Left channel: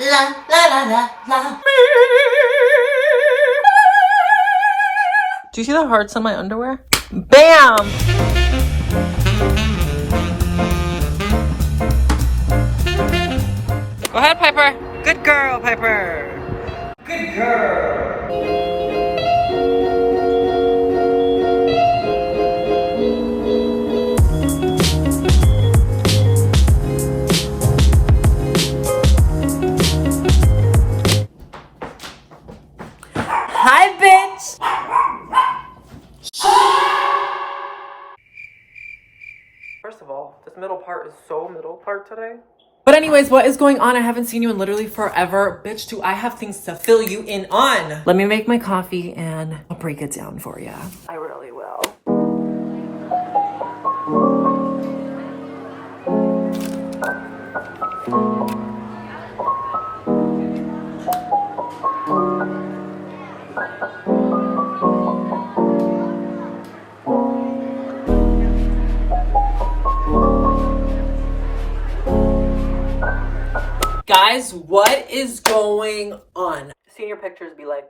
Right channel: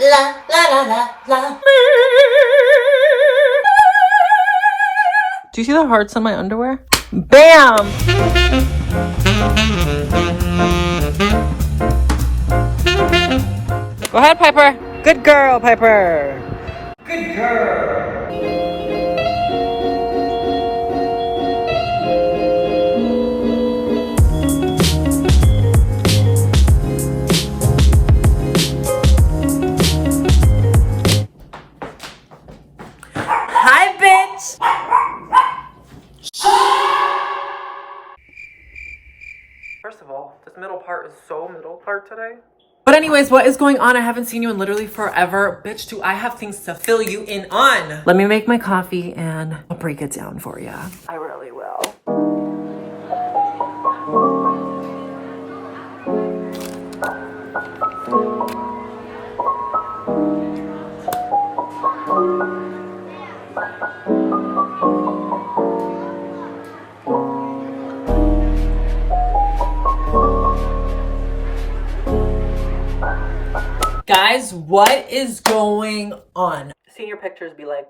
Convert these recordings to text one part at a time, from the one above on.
La la la la la. Do you see the hearts on my underwear? Bam! Go ahead, Piper. Good girl, Piper. Good girl. Hi, bitch. First of all, this middle part is so middle part today. But anyways, what is going on? I haven't seen you in literally forever. Bitch, do I have things to fill you in on. Let me make my coffee and I'll break it down for you. I really will. Guys, what is going on? Seeing your pictures be like,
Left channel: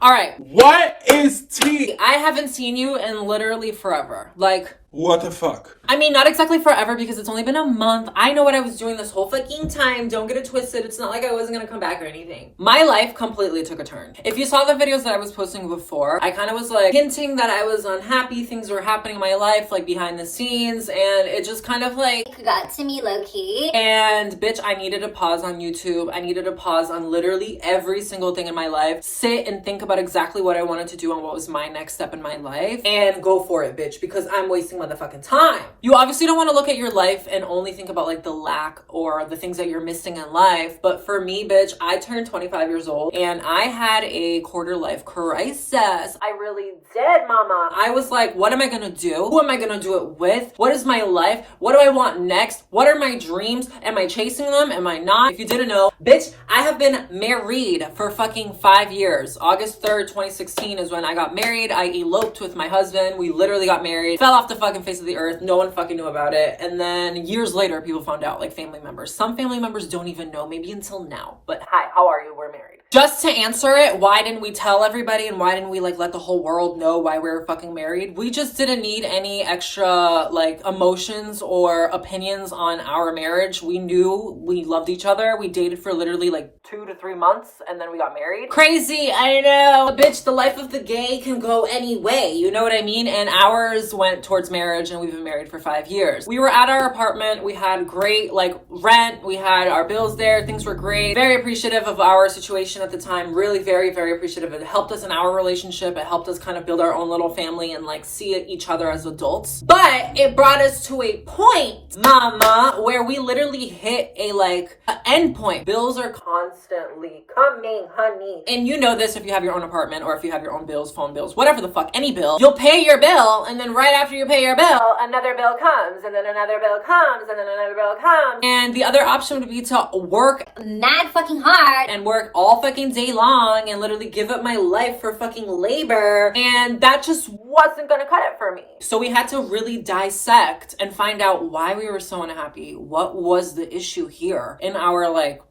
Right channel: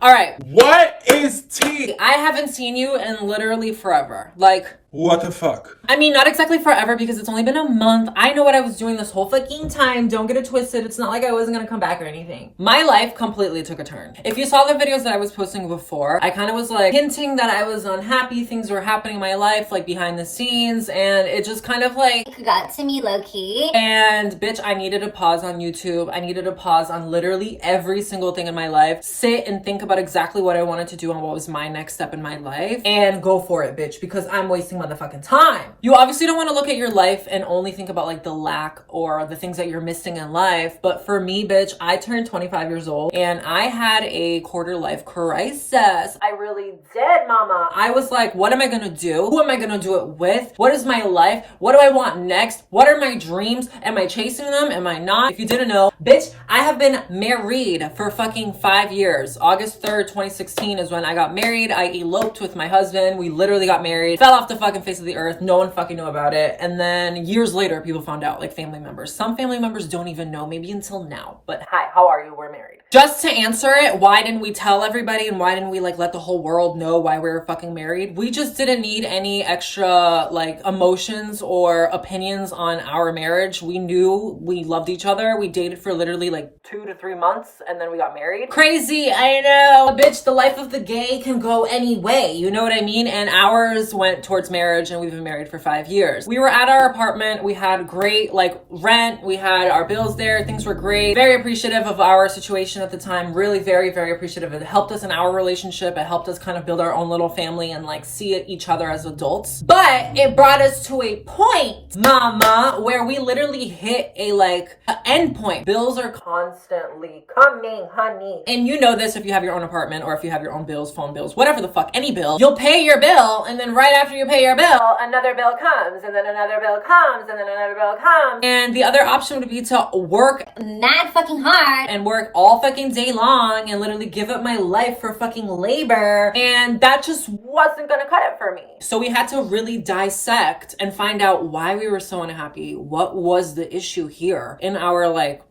all right. What is tea? I haven't seen you in literally forever. Like, What the fuck? I mean, not exactly forever because it's only been a month. I know what I was doing this whole fucking time. Don't get it twisted. It's not like I wasn't gonna come back or anything. My life completely took a turn. If you saw the videos that I was posting before, I kind of was like hinting that I was unhappy. Things were happening in my life, like behind the scenes. And it just kind of like Got to me low key. And bitch, I needed to pause on YouTube. I needed to pause on literally every single thing in my life. Sit and think about exactly what I wanted to do and what was my next step in my life. And go for it, bitch, because I'm wasting motherfucking time. You obviously don't want to look at your life and only think about like the lack or the things that you're missing in life. But for me, bitch, I turned 25 years old and I had a quarter life crisis. I really did, mama. I was like, what am I gonna do? Who am I gonna do it with? What is my life? What do I want next? What are my dreams? Am I chasing them? Am I not? If you didn't know, bitch, I have been married for fucking 5 years. August 3rd, 2016 is when I got married. I eloped with my husband. We literally got married, fell off the fucking face of the earth. No one fucking knew about it. And then years later, people found out, like family members. Some family members don't even know, maybe until now. But hi, how are you? We're married. Just to answer it, why didn't we tell everybody and why didn't we like let the whole world know why we were fucking married? We just didn't need any extra like emotions or opinions on our marriage. We knew we loved each other. We dated for literally like 2 to 3 months and then we got married. Crazy, I know. Bitch, the life of the gay can go any way. You know what I mean? And ours went towards marriage and we've been married for 5 years. We were at our apartment. We had great like rent. We had our bills there. Things were great. Very appreciative of our situation at the time. Really very, very appreciative. It helped us in our relationship. It helped us kind of build our own little family and like see each other as adults. But it brought us to a point, mama, where we literally hit a like end point. Bills are constantly coming, honey. And you know this if you have your own apartment or if you have your own bills, phone bills, whatever the fuck, any bill. You'll pay your bill and then right after you pay your bill, another bill comes and then another bill comes and then another bill comes. And the other option would be to work Mad fucking hard. and work all fucking day long and literally give up my life for fucking labor. And that just wasn't gonna cut it for me. So we had to really dissect and find out why we were so unhappy. What was the issue here in our like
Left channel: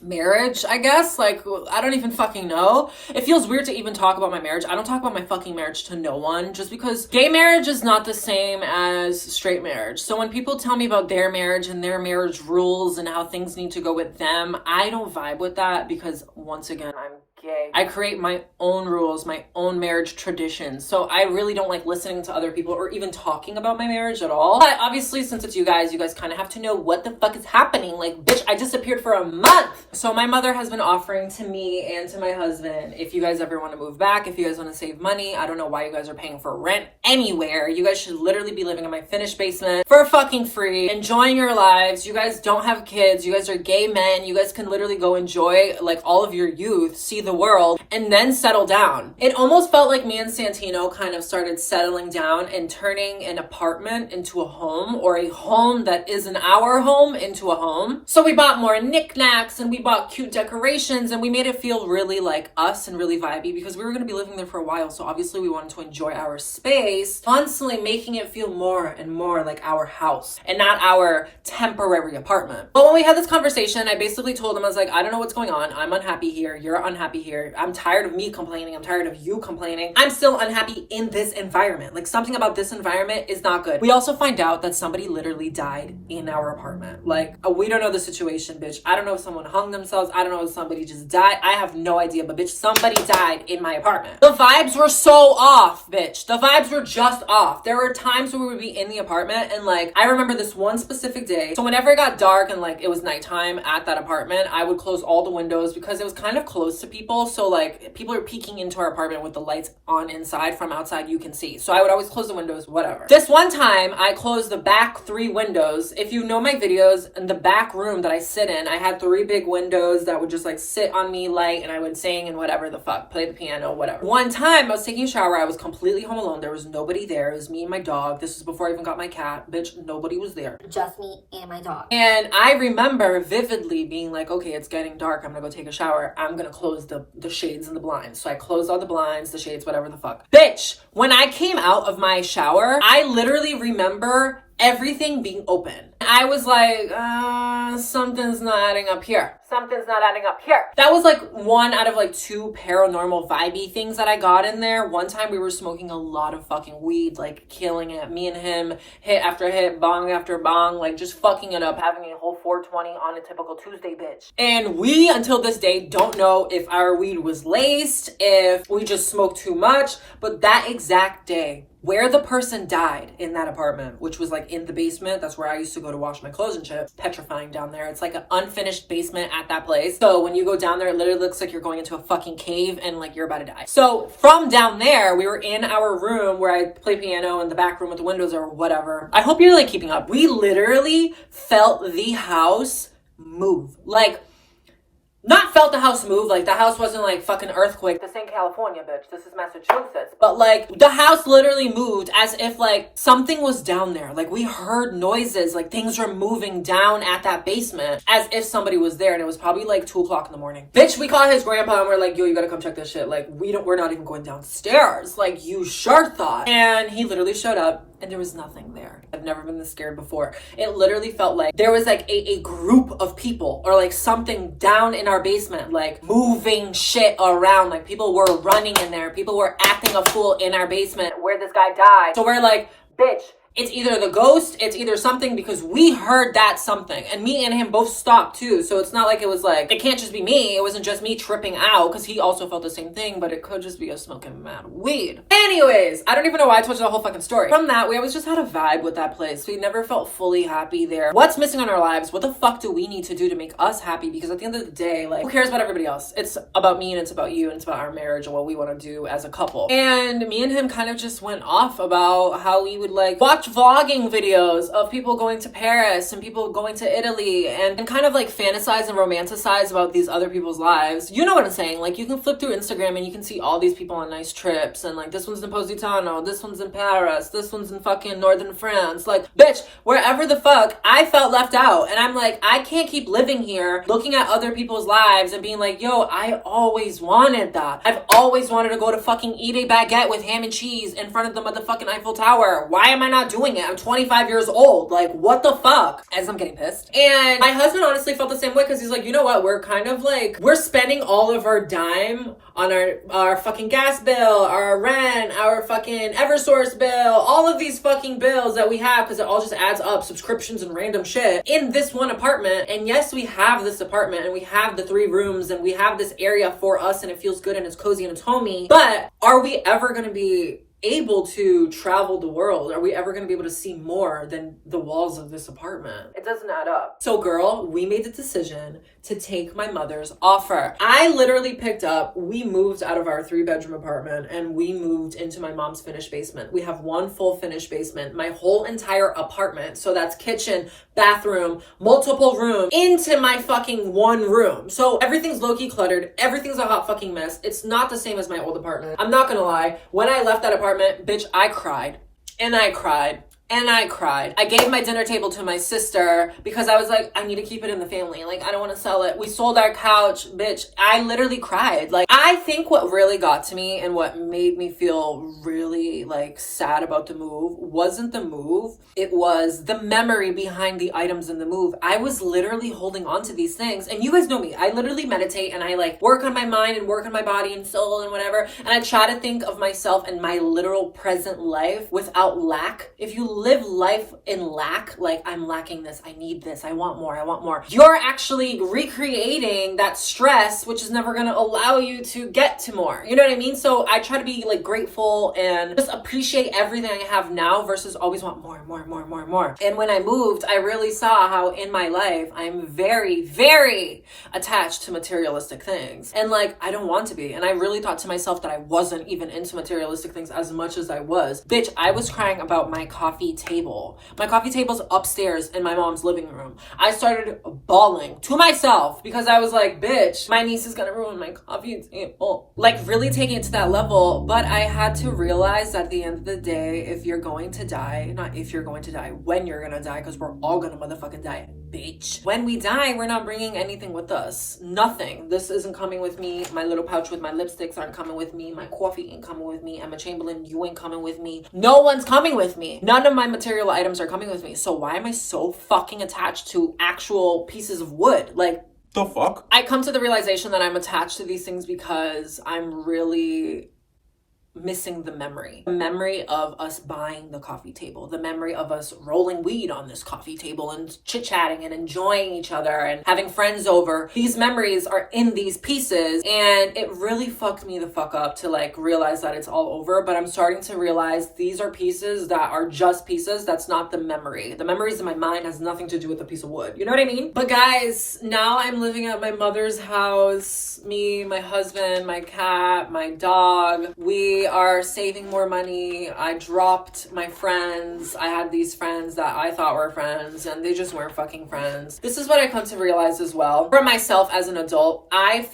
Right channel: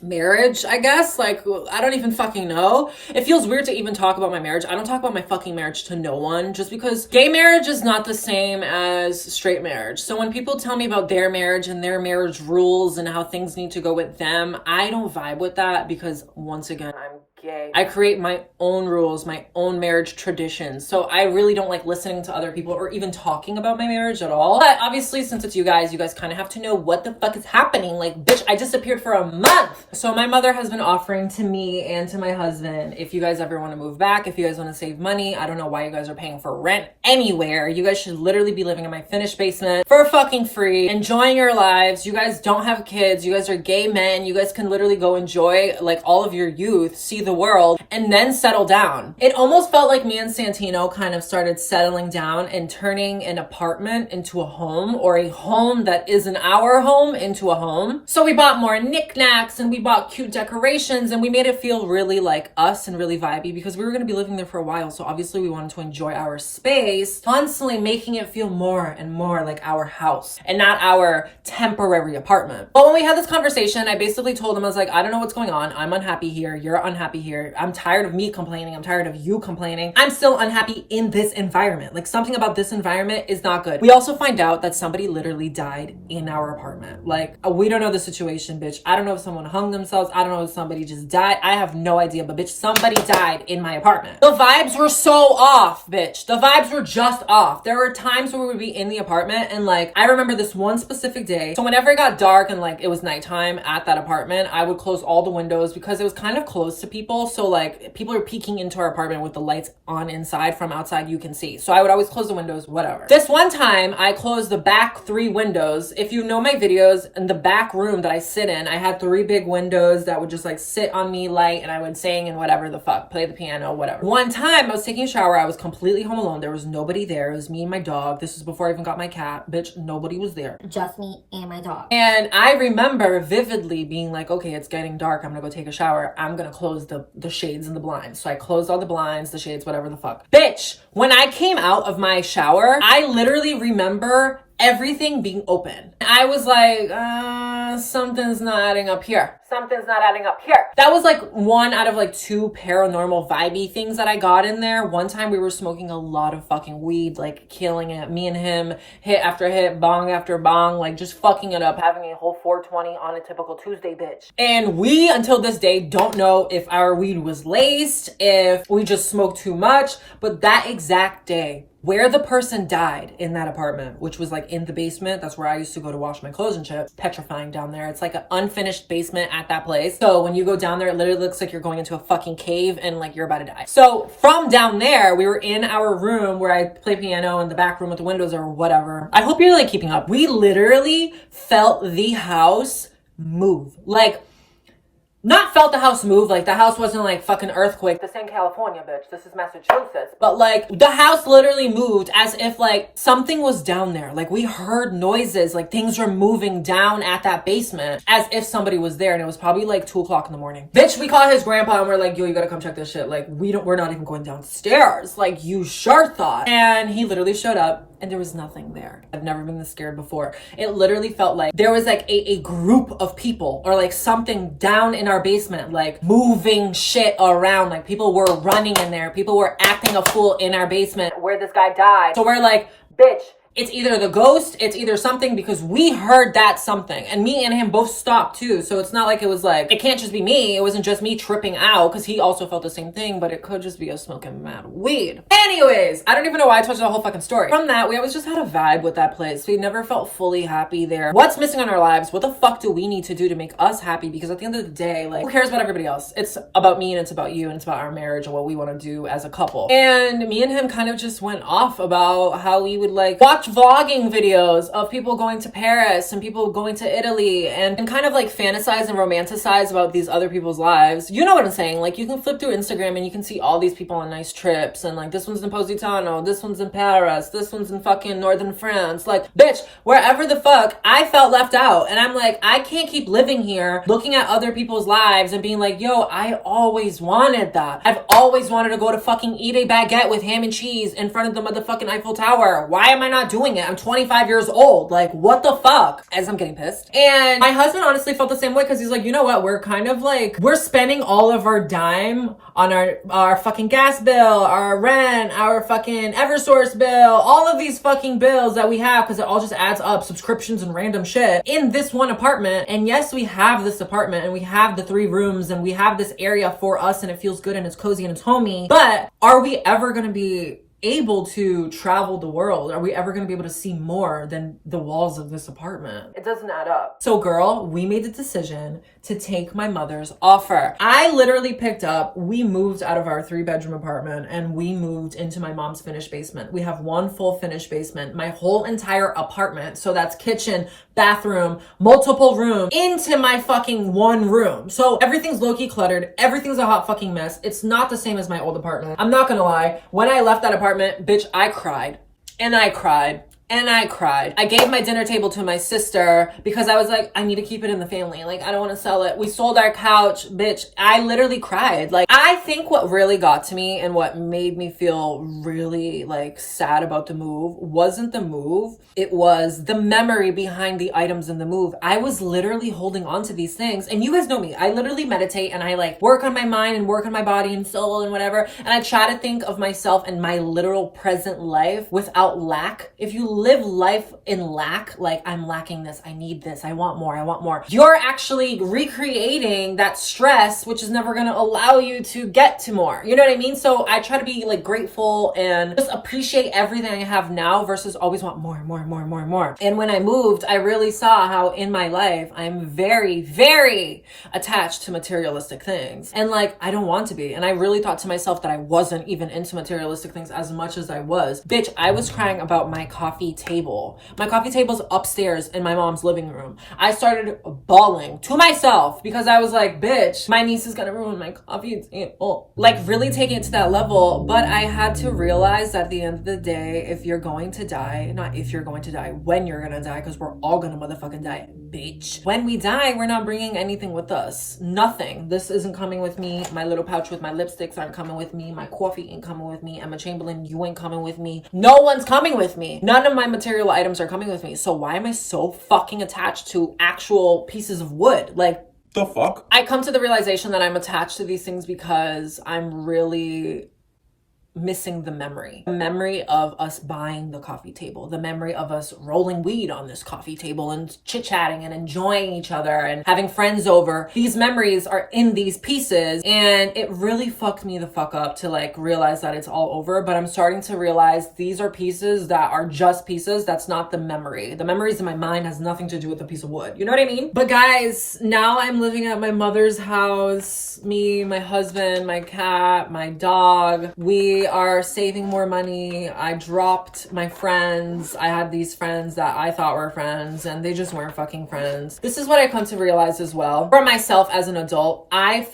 marriage, I guess? Like, I don't even fucking know. It feels weird to even talk about my marriage. I don't talk about my fucking marriage to no one just because gay marriage is not the same as straight marriage. So when people tell me about their marriage and their marriage rules and how things need to go with them, I don't vibe with that because once again, I'm gay. I create my own rules, my own marriage traditions. So I really don't like listening to other people or even talking about my marriage at all. But obviously, since it's you guys kind of have to know what the fuck is happening. Like, bitch, I disappeared for a month. So my mother has been offering to me and to my husband, if you guys ever want to move back, if you guys want to save money, I don't know why you guys are paying for rent anywhere. You guys should literally be living in my finished basement for fucking free, enjoying your lives. You guys don't have kids. You guys are gay men. You guys can literally go enjoy like all of your youth, see the world and then settle down. It almost felt like me and Santino kind of started settling down and turning an apartment into a home, or a home that isn't our home into a home. So we bought more knickknacks and we bought cute decorations and we made it feel really like us and really vibey because we were going to be living there for a while. So obviously we wanted to enjoy our space, constantly making it feel more and more like our house and not our temporary apartment. But when we had this conversation, I basically told him, I was like, I don't know what's going on. I'm unhappy here. You're unhappy here. I'm tired of me complaining. I'm tired of you complaining. I'm still unhappy in this environment. Like, something about this environment is not good. We also find out that somebody literally died in our apartment. Like, we don't know the situation, bitch. I don't know if someone hung themselves. I don't know if somebody just died. I have no idea, but bitch, somebody died in my apartment. The vibes were so off, bitch. The vibes were just off. There were times where we would be in the apartment and like, I remember this one specific day. So whenever it got dark and like it was nighttime at that apartment, I would close all the windows because it was kind of close to people. So like, people are peeking into our apartment with the lights on inside. From outside you can see. So I would always close the windows, whatever. This one time I closed the back 3 windows. If you know my videos, in the back room that I sit in, I had 3 big windows that would just like sit on me light, and I would sing and whatever the fuck, play the piano, whatever. One time I was taking a shower. I was completely home alone. There was nobody there. It was me and my dog. This was before I even got my cat. Bitch, nobody was there. Just me and my dog. And I remember vividly being like, okay, it's getting dark. I'm gonna go take a shower. I'm gonna close the shades and the blinds. So I closed all the blinds, the shades, whatever the fuck. Bitch, when I came out of my shower, I literally remember everything being open. I was like, something's not adding up here. Something's not adding up here. That was like 1 out of like 2 paranormal vibey things that I got in there. One time we were smoking a lot of fucking weed, like killing it. Me and him, hit after hit, bong after bong, like just fucking it up, having a whole 420 on a typical Tuesday, bitch. And we, until this day, don't know if our weed was laced, if we just smoked too much, but that exact day, where the person died in that apartment, which was like in the basement, that's where I used to go to wash my clothes and shit. Petrifying down there. It's like an unfinished basement at that place. So when you go down there, it literally looks like you're going into a fucking cave and like you're about to die. So from down there, we were in our room where I play piano in the back room with the windows or whatever. I hope you're like keeping up. We literally felt the house move. Like, not felt the house move, like the house wasn't like fucking earthquake. This ain't California, bitch. This is Massachusetts. But like, the house literally moved as if like something was down there. Like, we heard noises, like things were moving down at that basement as if somebody was there. And it was probably like 2 o'clock in the morning. Bitch, we called his grandpa and we're like, yo, you gotta come check this shit. Like, we're not even going downstairs. Like, you sure thought. And he literally showed up. And there was nothing there. I've never been this scared before. It literally felt like there was like a group of people or like something down in our basement, like moving shit around. Like, people were running in there. People were acting a fool in our basement where this guy died. So we're like, bitch, it's either the ghost, it's either something, because we heard that something. And me and him both stopped too. So it's not like it was like, it can't just be me. It wasn't just me tripping out, because he also felt the same thing, but it could just be us smoking mad weed. Anyways, I don't even know why I told you the whole fucking story. From that, we always just had a vibe with that place. We never felt fully happy there. What's missing in our lives? What the fuck do we need to do to make us happy? Because at the end of the day, like, who cares about everybody else? It's about me and it's about you and it's about our marriage and what we want to do as a couple. And me and him kind of just went off about how we would like watch vlogging videos of people going to Paris and people going to Italy and kind of like fantasize and romanticize about these other people's lives. You know what I'm saying? Like, you can flip through Instagram and you can see all these people on nice trips and like, this one's in Positano, this one's in Paris, this one's in fucking northern France. Like, bitch, wherever the fuck, I felt left out. And I'm like, I can't keep living here looking at other people's lives and being like, yo, I always wanted that. I've always wanted to go to fucking eat a baguette with ham and cheese in front of the motherfucking Eiffel Tower. Why am I not doing it? I'm 25 years old. Like, what the fuck? As I'm getting pissed. And my husband honestly felt the same way, because he's like, you know what? We're kind of like, we're spending all of our dime on our fucking gas bill, our rent, our fucking Eversource bill, all of these fucking bills that we have, because it all just adds up, subscriptions and random shit, in this one apartment. And yes, we have this apartment and we have the 3 rooms and we have this area for us and it feels good and it's cozy and it's homey, but are we ever gonna be able to travel the world? Are we ever going to be able to see more than the walls of this apartment? It doesn't add up. So girl, we made the decision to take my mother's offer. I literally picked up, we moved out of our 3-bedroom apartment and we moved into my mom's finished basement. We have one full finished basement, my whole entire apartment. So that's kitchen, bathroom, multiple rooms into my fucking one room. So everything's low-key cluttered. Everything's a hot fucking mess. It's not the same as my old apartment. I'm not gonna lie. When I left that apartment, bitch, I cried and I cried. And I cried. I gave my dinner table to my sister because I was like, I need to keep it in the family. Like, I don't want to sell it. We sold our couch, bitch. I literally cried. Like, I think what really got to me and what made me feel really like sad about the move wasn't the move. It was the memory behind the items in the move. I was literally holding on to these things. And you guys know me. I literally meditate and I like work on my mind and work on my body and soul and whatever. And I try to think of myself and my literal present life without lack. If you live life in lack, like I'm lacking this, I need this, I want more, you're actually recreating that stress, which is never going to allow you to get to more. You know what I mean? So I try to be like grateful and just appreciate everything I have now versus always want more. And when I moved, I really saw how in my life I'm very, very attached to materialistic things, and like I don't want to be. And I really thought to myself that I wasn't even into materialistic things as much as I was. Bitch, I was crying about my coffee table. My coffee table's upstairs in my mom's living room. I started bawling to myself because I was like, bitch, my niece is gonna ruin my coffee table. Like really taking it to that level. But I had to realize that at the end of the day, if you're going to die, not if you're going to die, when you're gonna die, because we're all gonna motherfucking die, bitch. When we die, we're not bringing anything with us. Nothing. This isn't coming with me. My little pouch with my lipsticks aren't coming with me. My coffee ain't coming with me. Emma Chamberlain, you ain't coming with me. No one's coming with me. None of my material items are coming with me. So why am I so fucking attached to actual pieces of wood? Like, the fuck? I come to the realization that I'm attached to these things because I'm really missing the memory of us buying the coffee table, the memory of us rolling weed on this coffee table and chit-chatting and enjoying each other and having friends over. These memories are in these pieces, and it really fucked me the fuck up to like realize that it's all over. But I'm starting to realize these are pieces that are just pieces. That's not the memory. The memories in my mind has nothing to do with the piece of wood. You know what I mean? But guys, now I'm living at my mother's house. Me, my husband, my cat, my dog. We are saving more money. I dropped my friends. I had these friends that I thought were friends and they just weren't fucking friends. This is what I come to realize as well. For myself as an adult, I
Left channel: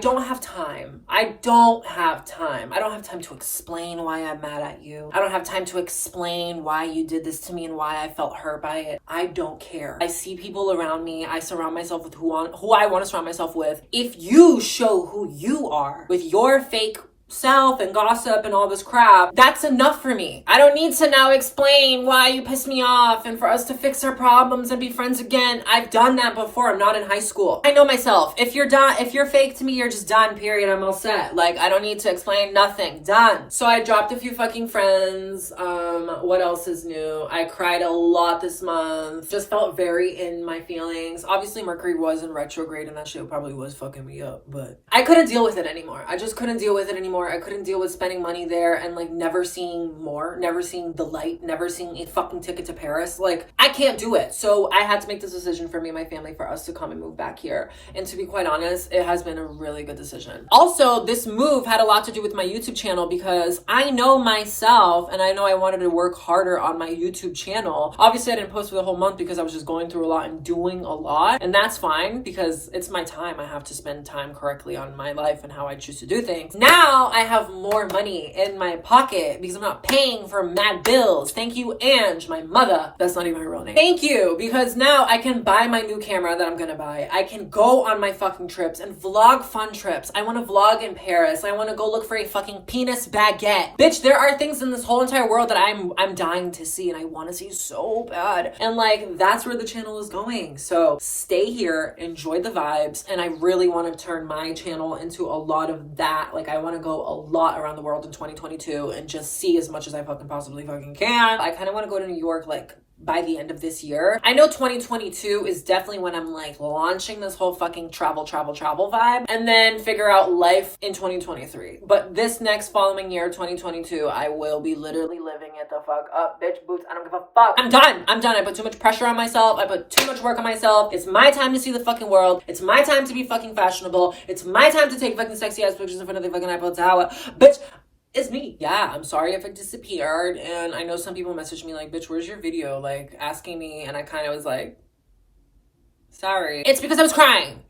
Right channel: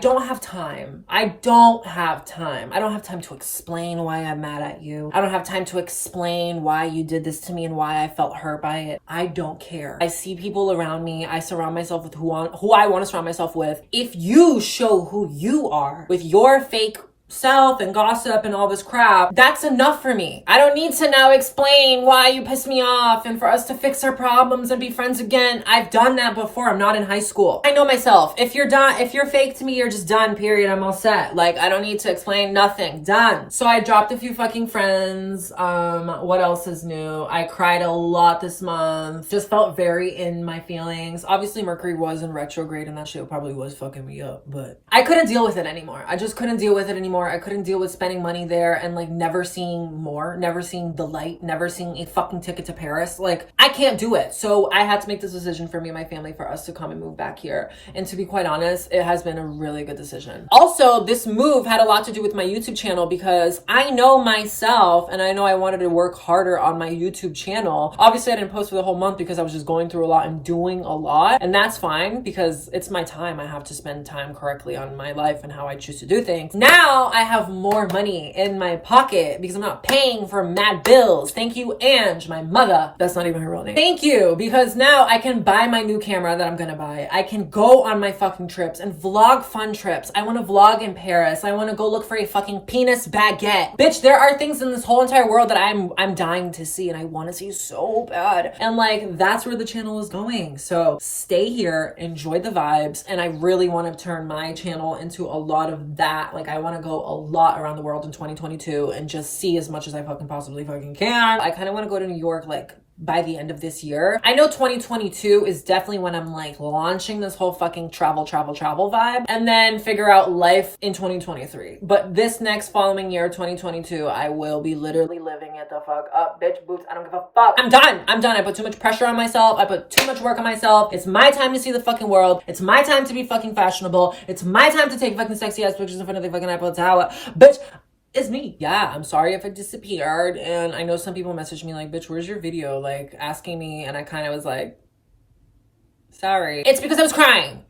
don't have time. I don't have time to explain why I'm mad at you. I don't have time to explain why you did this to me and why I felt hurt by it. I don't care. I see people around me. I surround myself with who I want to surround myself with. If you show who you are with your fake self and gossip and all this crap, that's enough for me. I don't need to now explain why you pissed me off and for us to fix our problems and be friends again. I've done that before. I'm not in high school. I know myself. If you're done, if you're fake to me, you're just done, period. I'm all set. Like, I don't need to explain nothing. Done. So I dropped a few fucking friends. What else is new? I cried a lot this month. Just felt very in my feelings. Obviously Mercury was in retrograde and that shit probably was fucking me up, but I couldn't deal with it anymore. I just couldn't deal with it anymore. I couldn't deal with spending money there and like never seeing more, never seeing the light, never seeing a fucking ticket to Paris. Like, I can't do it. So I had to make this decision for me and my family for us to come and move back here. And to be quite honest, it has been a really good decision. Also, this move had a lot to do with my YouTube channel because I know myself and I know I wanted to work harder on my YouTube channel. Obviously, I didn't post for the whole month because I was just going through a lot and doing a lot. And that's fine because it's my time. I have to spend time correctly on my life and how I choose to do things. Now I have more money in my pocket because I'm not paying for mad bills. Thank you, Ange, my mother. That's not even her real name. Thank you, because now I can buy my new camera that I'm gonna buy. I can go on my fucking trips and vlog fun trips. I want to vlog in Paris. I want to go look for a fucking penis baguette. Bitch, there are things in this whole entire world that I'm dying to see and I want to see so bad. And like, that's where the channel is going. So stay here, enjoy the vibes, and I really want to turn my channel into a lot of that. Like, I want to go a lot around the world in 2022 and just see as much as I fucking possibly fucking can. I kind of want to go to New York like by the end of this year. I know 2022 is definitely when I'm like launching this whole fucking travel vibe, and then figure out life in 2023. But this next following year, 2022, I will be literally living it the fuck up, bitch boots. I don't give a fuck. I'm done. I put too much pressure on myself. I put too much work on myself. It's my time to see the fucking world. It's my time to be fucking fashionable. It's my time to take fucking sexy ass pictures in front of the fucking Eiffel Tower. Bitch, it's me. Yeah, I'm sorry if I disappeared. And I know some people messaged me like, bitch, where's your video? Like asking me, and I kind of was like, sorry. It's because I was crying.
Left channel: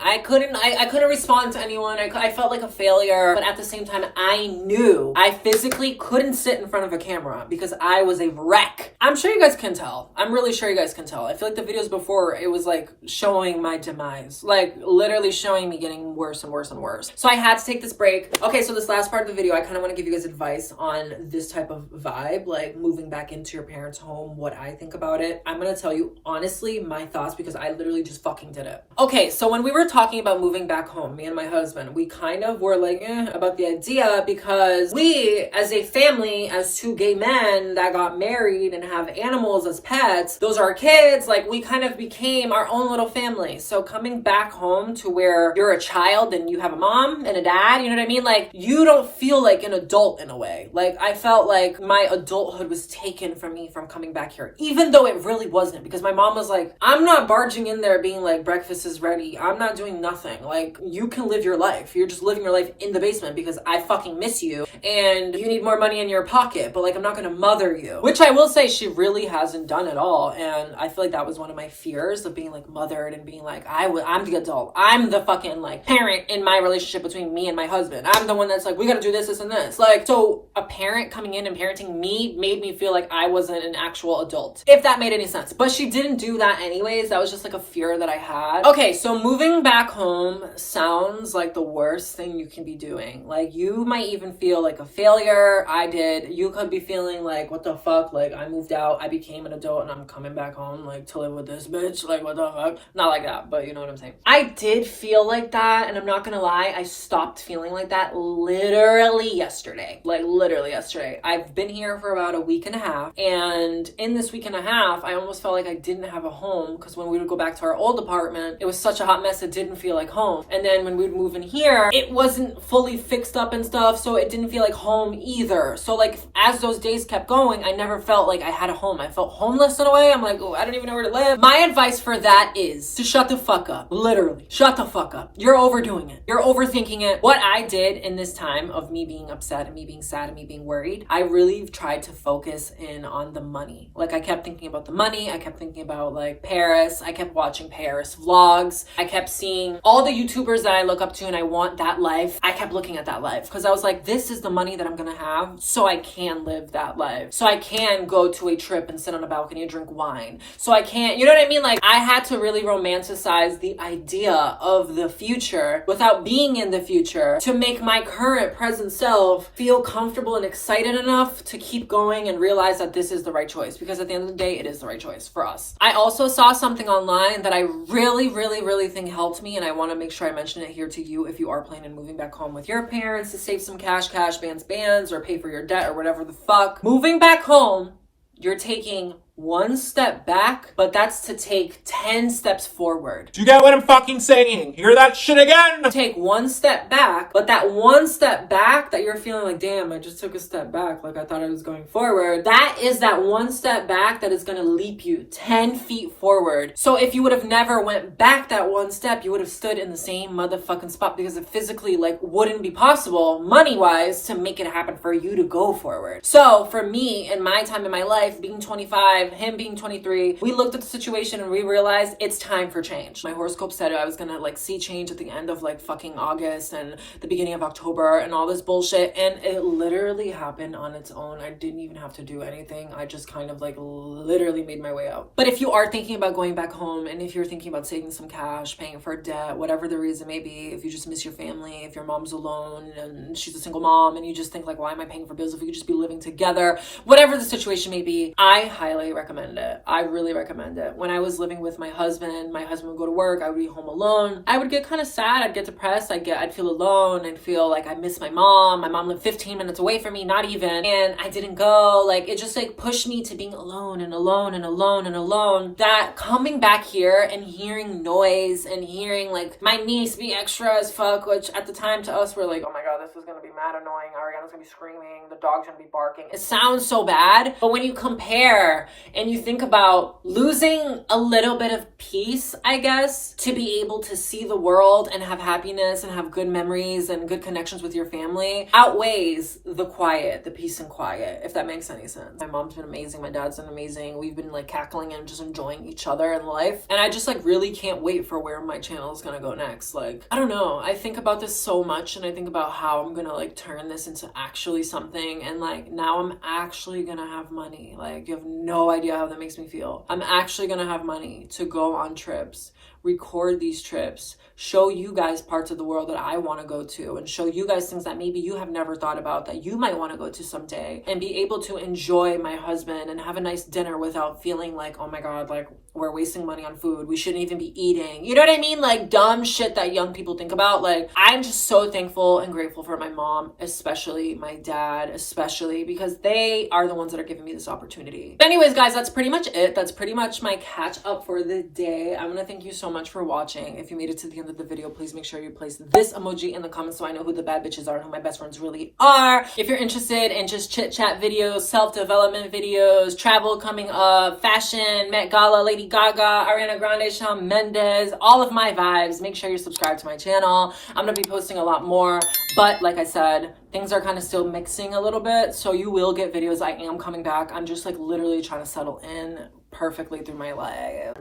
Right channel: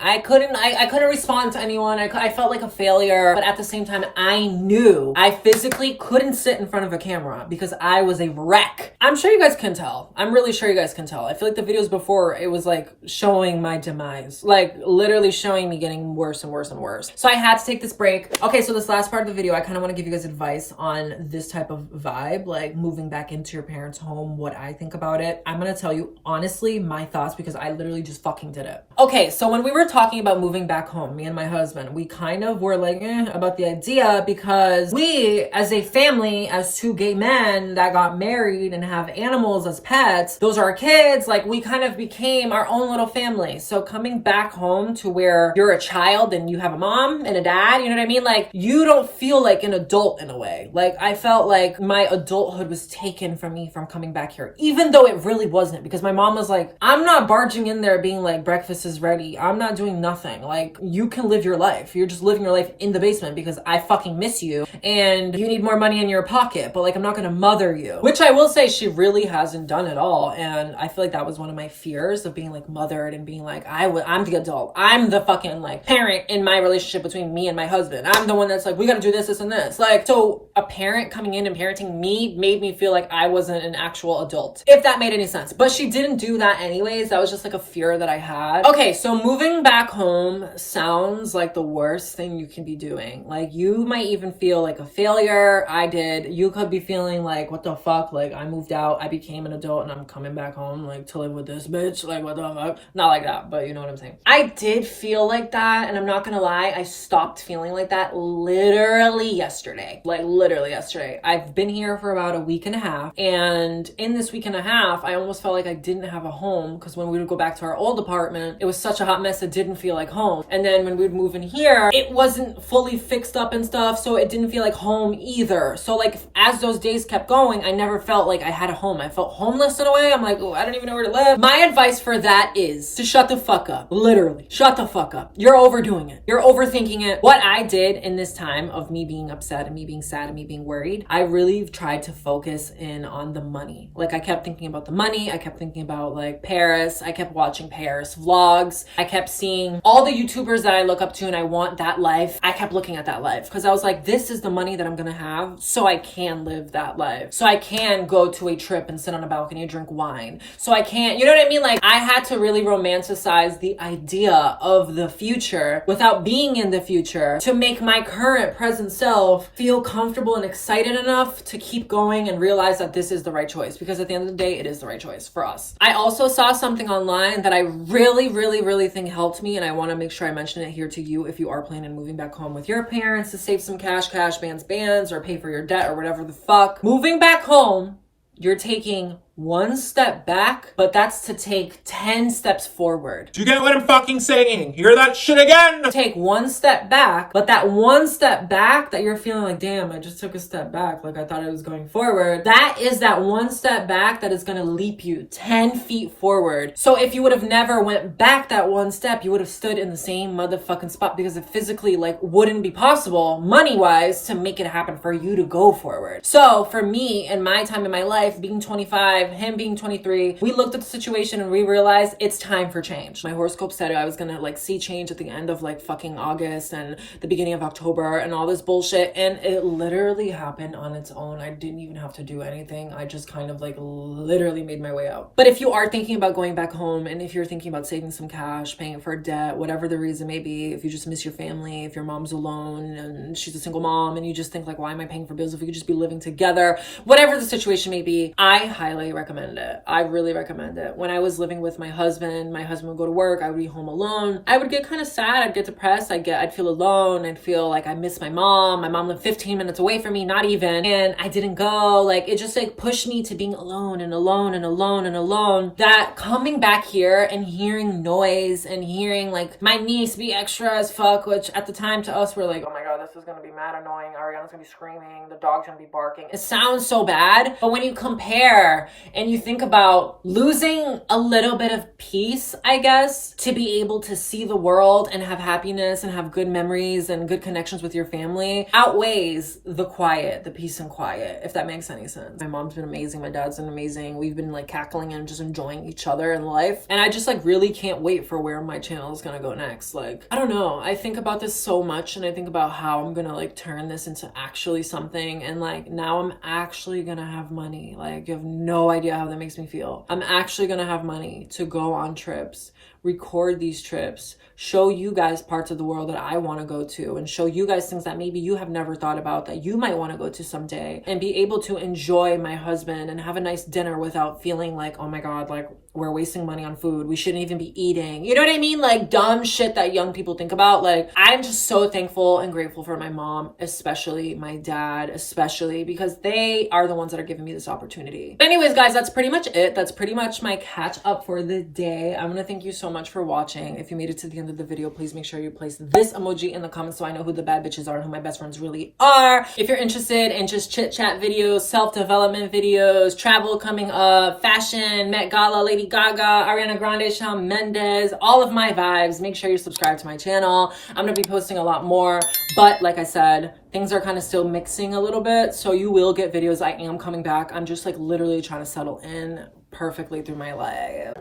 I couldn't respond to anyone. I felt like a failure, but at the same time, I knew I physically couldn't sit in front of a camera because I was a wreck. I'm sure you guys can tell. I'm really sure you guys can tell. I feel like the videos before, it was like showing my demise, like literally showing me getting worse and worse and worse. So I had to take this break. Okay, so this last part of the video, I kind of want to give you guys advice on this type of vibe, like moving back into your parents' home, what I think about it. I'm going to tell you honestly my thoughts because I literally just fucking did it. Okay, so when we were talking about moving back home, me and my husband, we kind of were like, about the idea because we, as a family, as two gay men that got married and have animals as pets, those are our kids, like we kind of became our own little family. So coming back home to where you're a child and you have a mom and a dad, you know what I mean? Like you don't feel like an adult in a way. Like I felt like my adulthood was taken from me from coming back here, even though it really wasn't, because my mom was like, I'm not barging in there being like, breakfast is ready. I'm not doing nothing. Like you can live your life. You're just living your life in the basement because I fucking miss you and you need more money in your pocket, but like I'm not gonna mother you, which I will say she really hasn't done at all. And I feel like that was one of my fears of being like mothered and being like, I'm the adult. I'm the fucking like parent in my relationship between me and my husband. I'm the one that's like, we gotta do this and this. Like, so a parent coming in and parenting me made me feel like I wasn't an actual adult, if that made any sense. But she didn't do that anyways. That was just like a fear that I had. Okay, so moving back home sounds like the worst thing you can be doing. Like you might even feel like a failure. I did. You could be feeling like, what the fuck? Like I moved out, I became an adult and I'm coming back home like to live with this bitch. Like what the fuck? Not like that, but you know what I'm saying. I did feel like that, and I'm not gonna lie, I stopped feeling like that literally yesterday. Like literally yesterday. I've been here for about a week and a half, and in this week and a half, I almost felt like I didn't have a home because when we would go back to our old apartment, it was such a hot mess, it didn't feel like home. And then when we'd move in here, it wasn't fully fixed up and stuff, so it didn't feel like home either. So like as those days kept going, I never felt like I had a home. I felt homeless in a way. I'm like, oh, I don't even know where to live. My advice for that is to shut the fuck up. Literally, shut the fuck up. You're overdoing it. You're overthinking it. What I did in this time of me being upset and me being sad and me being worried, I really tried to focus in on the money. Like I kept thinking about the money. I kept thinking about like Paris. I kept watching Paris vlogs. I kept seeing all the YouTubers that I look up to and I want that life. I kept looking at that life because I was like, this is the money that I'm gonna have so I can live that life. So I can go to a trip and sit on a balcony and drink wine. So I can't, you know what I mean? Like I had to really romanticize the idea of the future without being in the future to make my current present self feel comfortable and excited enough to keep going and realize that this is the right choice, because at the end of the day, it is the right choice for us. I also saw something online that I really think helped me, and I want to make sure I mention it here to you if you are planning on moving back home with your parents to save some cash, bands, or pay for your debt or whatever the fuck. Moving back home, you're taking one step back, but that's to take 10 steps forward. Do you get what I'm fucking saying? Hear that shit again? Take one step back, but that one step back that you're feeling like, damn, I just took a step back. Like I thought I was going forward. That is that one step back that is going to leap you 10 feet forward. So if you would have never went back that one step, you would have stood in the same motherfucking spot because it physically like wouldn't be possible money-wise to make it happen for you to go forward. So for me, in my time in my life, being 25, him being 23, we looked at the situation and we realized it's time for change. My horoscope said I was gonna like see change at the end of like fucking August and the beginning of October and all this bullshit, and it literally happened on its own. I didn't even have to do anything. I just kind of like literally made my way out. But if you are thinking about going back home, and if you're thinking about saving some cash, paying for debt, whatever the reason may be, if you just miss your family, if your mom's alone and she's a single mom and you just think like, why am I paying for bills if we could just be living together, whatever the situation may be, I highly recommend it. I really recommend it. When I was living with my husband would go to work, I would be home alone. I would get kind of sad, I'd get depressed, I'd feel alone, I'd feel like I miss my mom. My mom lived 15 minutes away from me, not even, and I didn't go. Like, it just like pushed me to being alone and alone and alone and alone. That coming back here and hearing noise and hearing like my niece be extra as fuck, which at the time to us we're like, oh my god, this is gonna be mad annoying. Ariana's gonna be screaming, the dog's gonna be barking. It sounds so bad, but when you compare and you think about losing a little bit of peace, I guess, to be able to see the world and have happiness and have good memories and good connections with your family outweighs the quiet, the peace and quiet, if that makes any sense. My mom's been amazing, my dad's been amazing. We've been like cackling and just enjoying each other in life, and I just like really can't wait for where my channel is gonna go next. Like, I don't know, I think about this so much, and I think about how I'm gonna like turn this into actually something, and like now I'm actually gonna have money. Like, you have no idea how that makes me feel. I'm actually gonna have money to go on trips, record these trips, show you guys parts of the world that I want to go to, and show you guys things that maybe you have never thought about that you might want to go to someday, and be able to enjoy my husband and have a nice dinner without feeling like, oh my god, like we're wasting money on food, we shouldn't even be eating, you know what I mean? Like dumb shit that young people think about. Like, I'm just so thankful and grateful for my mom, especially my dad, especially because they are the ones that are giving me this opportunity. But anyways, guys, that's pretty much it. That's pretty much my catch up for the day. I'm gonna thank you so much for watching. If you made it to the end of the video, please make sure you place this emoji in the comments so I know who the bad bitches are and who my best friends really are. If you're interested in just chit chat videos, self-development videos, travel coming up, fashion, Met Gala, Lady Gaga, Ariana Grande, Shawn Mendes, all of my vibes, make sure you're subscribed to my channel. I'm gonna be posting a lot more, but like I said, things are kind of still mixing a little bit, so you will get videos. I am coming back. I'm just like literally trying to settle in perfectly through my life.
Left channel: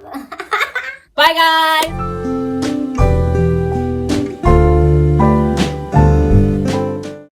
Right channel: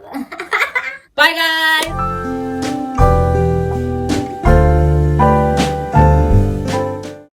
Bye guys!